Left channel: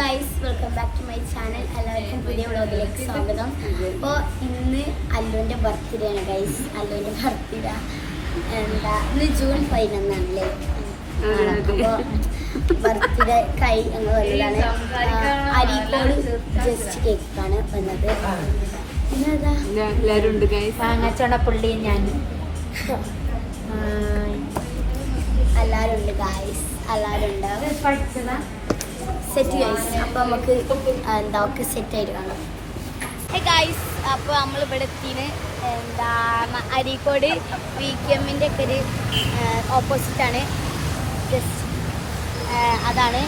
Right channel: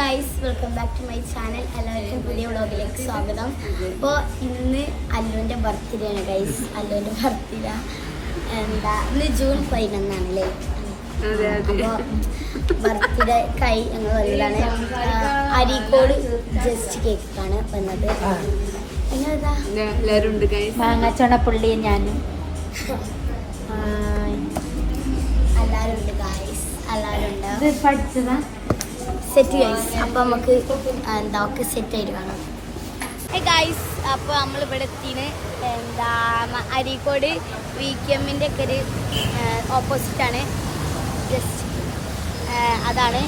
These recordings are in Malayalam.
Guys, welcome back to my channel. എല്ലാവർക്കും പുതിയ വ്ളോഗിലേക്ക് സ്വാഗതം. അപ്പോൾ ഇന്ന് അല്ലുവിൻ്റെ ബർത്ത്ഡേ ആണ് ഗൈസ്. അല്ലുവിൻ്റെ ബർത്ത്ഡേ ഇന്ന് ജൂൺ 11 ആണല്ലേ. അപ്പോൾ ബർത്ത്ഡേ ഞങ്ങൾ വന്നതാണ്. അരീക്കോട് ജസ്റ്റ് കേക്കാണ് വന്നത്. പിന്നെ എല്ലാവരും ഉണ്ട് ചുണപ്പുള്ളി ഞാൻ എല്ലാവരും ഉണ്ട് ഗൈസ്, എല്ലാവരും ഉണ്ട്. Set guys. അപ്പോൾ നമുക്ക് ഒക്കെ സെറ്റായിട്ട് കാണാം. ഗൈസ്, അപ്പോൾ നമ്മളിവിടെ എത്തിന് അരീക്കോട് VKM-ൻ്റെ ഒക്കെ ഒരു ഓപ്പോസിറ്റാണ്. ജസ്റ്റ് അതാണ്.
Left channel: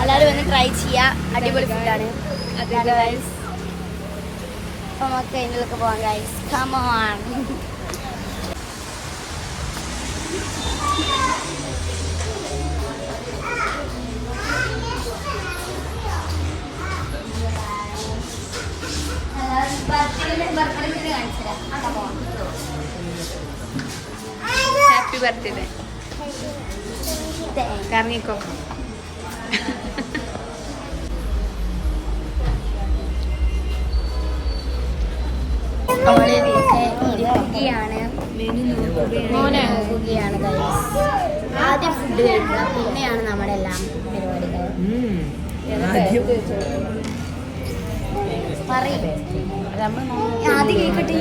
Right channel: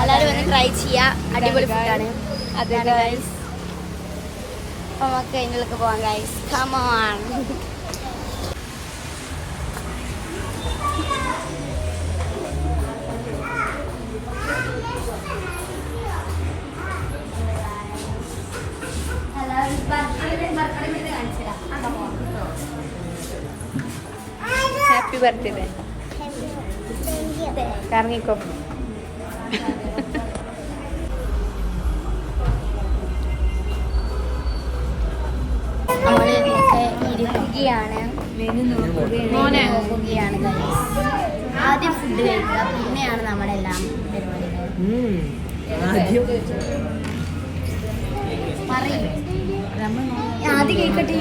എല്ലാവരും വന്ന് ട്രൈ ചെയ്യുക. അടിപൊളി ഫുഡാണ്. അതാണ് ഗൈസ്. അപ്പോൾ നമുക്ക് അതിനുള്ളൊക്കെ പോകാം guys. Come on. Happy birthday. കറങ്ങിക്കോ. നമ്മൾ ഇരിക്കുകയാണ്, നോക്കുകയാണ് ഗൈസ്. ആദ്യം ഫുഡ് കഴിക്കുക, പിന്നെയാണ് നമ്മുടെ എല്ലാം പരിപാടികൾ. പറയും ആദ്യം കേൾക്കട്ടെ.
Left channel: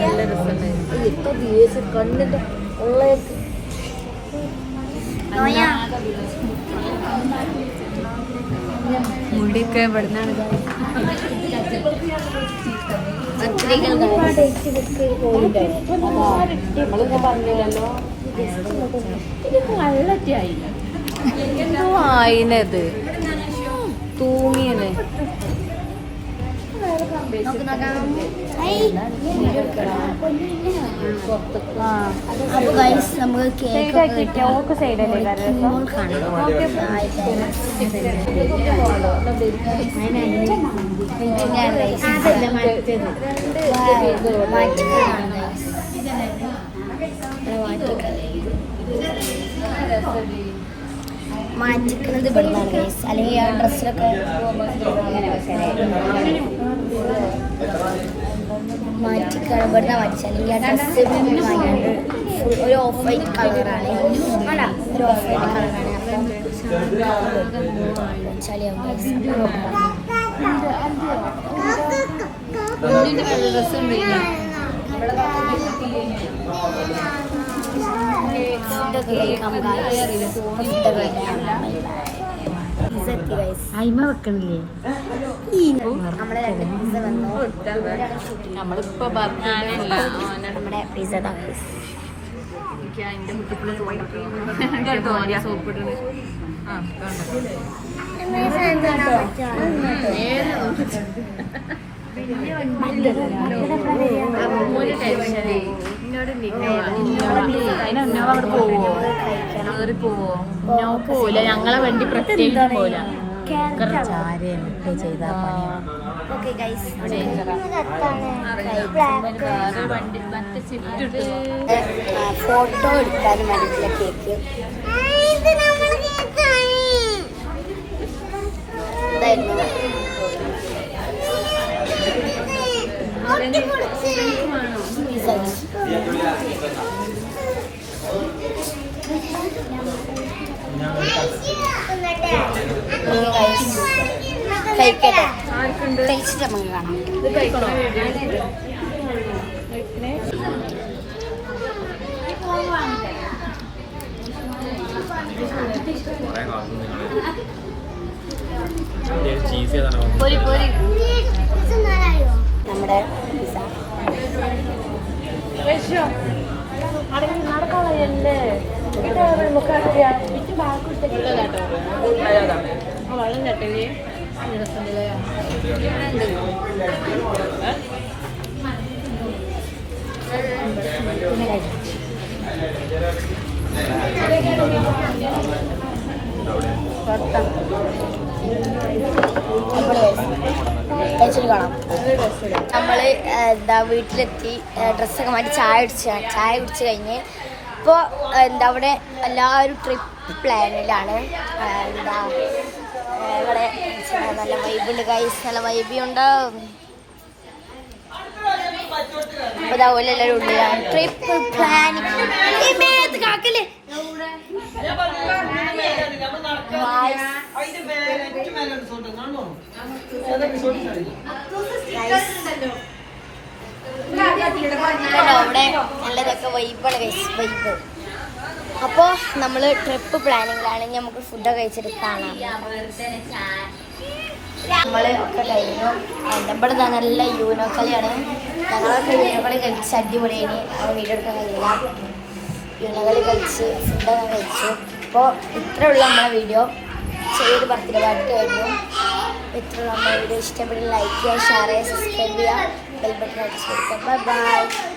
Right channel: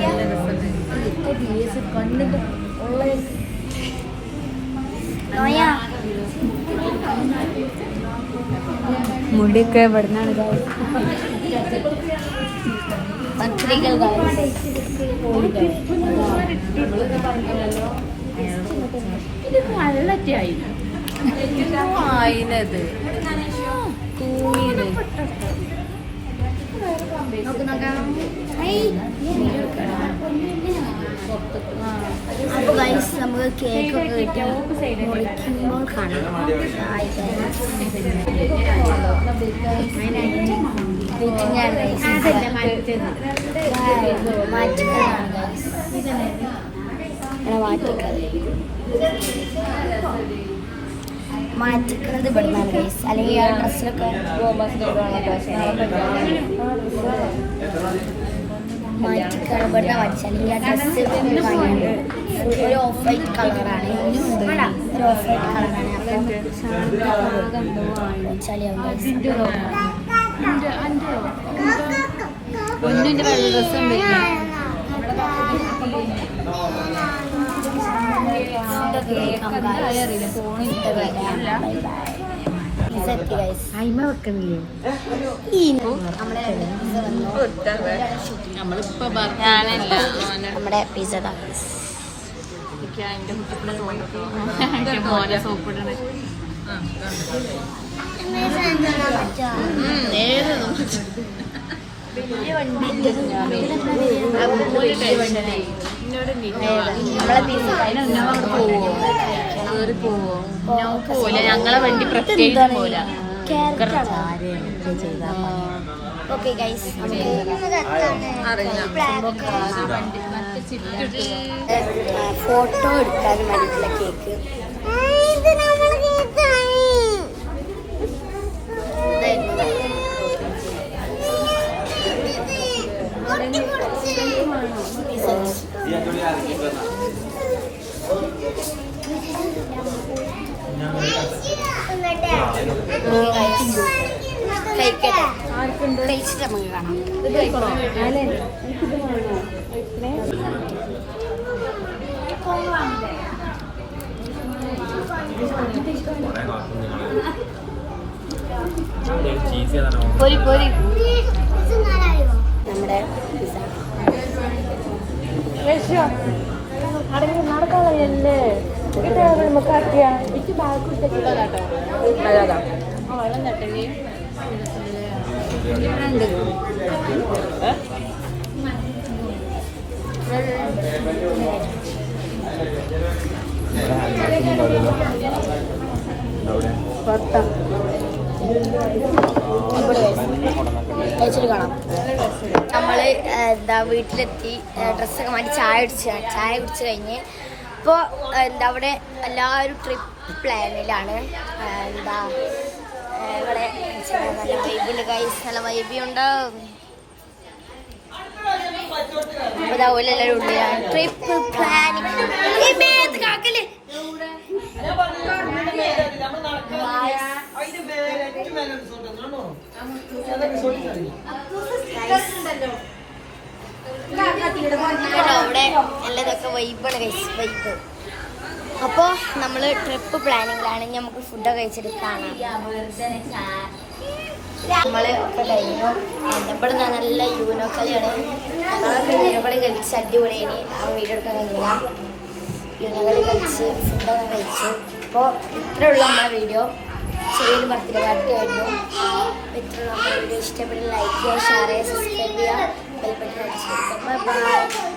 മുടിയൊക്കെ ഇവിടുന്നാണ് പത്രികൾ വള്ളറ്റായി വായിനത് തൂങ്ങിയത്. അപ്പൊ ഗൈസ്, നമുക്ക് കേക്കൊക്കെ കിട്ടി മുറിക്കുമ്പോൾ കാണാം. മാറ്റിക്കുന്നത് ഇവിടുന്നാണ് ഗൈസ്. അല്ലെങ്കിൽ ആ ഡ്രസ്സിലൊക്കെ മാറ്റിക്കാണ് ഇവിടുന്ന് മാറ്റിച്ച. അല്ലെങ്കിൽ ആ ഡ്രസ്സ് വാങ്ങിയത് ഫുൾ ഒരു ഓഫ് വൈറ്റ് കളറാണ്. വേണ്ട, ഒരു ഓഫ് വൈറ്റ് കളറാണ്. അപ്പം ചളിയാവും ഗൈസ്. ഫുഡൊക്കെ കഴിക്കാം ഗൈസ്. ഫുഡൊക്കെ വരാം. Bye bye. പിസ്സ എത്തി ഗൈസ്. അയിമ വെക്കണില്ലേ? നമ്മളെ 2 പിസ്സ വന്നു. നമ്മുടെ പിസ്സ ഗൈസ്. പോലെ ഞങ്ങളെ വണ്ടി പ്രത്യേകിച്ച് പോലെ. ഓക്കെ ഗൈസ്, ഫോട്ടോ എടുക്കാനും വേണ്ടിയിട്ടുള്ള കേക്ക്. കഴിക്കട്ടെ, കഴിച്ചിട്ട് നമുക്ക് കാണാം. നമ്മുടെ പിസ്സ വെള്ളം കേട്ടേ. കഴിച്ചിട്ട് കാണാം. നമ്മള് വീട്ടിലെത്തി ഡ്രസ്സൊക്കെ മാറ്റി ചായ കുടിച്ച് കഴിഞ്ഞ് ഇപ്പോൾ അവിടെ എല്ലാവരും ട്രിപ്പ് പ്ലാനിലാണ്. ഇവിടെ നല്ല വൈബുണ്ട് ഗൈസ്, നല്ല വൈബിയുണ്ടാവും. അതുപോലെ എല്ലാവരും ഉള്ളിലാണ്. ട്രിപ്പ് പ്ലാനിങ് അവിടെ നല്ലതൊക്കെ വൈബാണ് ഗൈസ്, വൈബ്. അപ്പോൾ നമ്മൾ ട്രിപ്പ് പ്ലാനിങ്ങിലാണ്. നമുക്ക് ഫുഡ് കഴിച്ചിട്ട് കാണാം. നമ്മൾ ഒക്കെ കഴിഞ്ഞു. ഇവിടെ നല്ല യൂനോ കളിയാണ്. ഞങ്ങളൊക്കെ യൂനോ കളി കളിച്ച് അടിപൊളിയാണ്. ആ വീഡിയോ എടുക്കാൻ കഴിയില്ല. യൂനോ കളി കളിച്ച് ഫുഡൊക്കെ കഴിച്ച്. അപ്പോൾ ഇത്രയുള്ള നമ്മളെ വീഡിയോ. ചെറിയൊരു ബർത്ത്ഡേ പാർട്ടി ആയിരുന്നു. ഇത്രയുള്ള നമ്മളെ വീഡിയോ ഇഷ്ടപ്പെട്ട് ലൈക്ക് ചെയ്യുക, ഷെയർ ചെയ്യുക, സബ്സ്ക്രൈബ് ചെയ്യുക, ബെൽ ബട്ടൺ അടിച്ച് കൊടുക്കുക. Bye bye.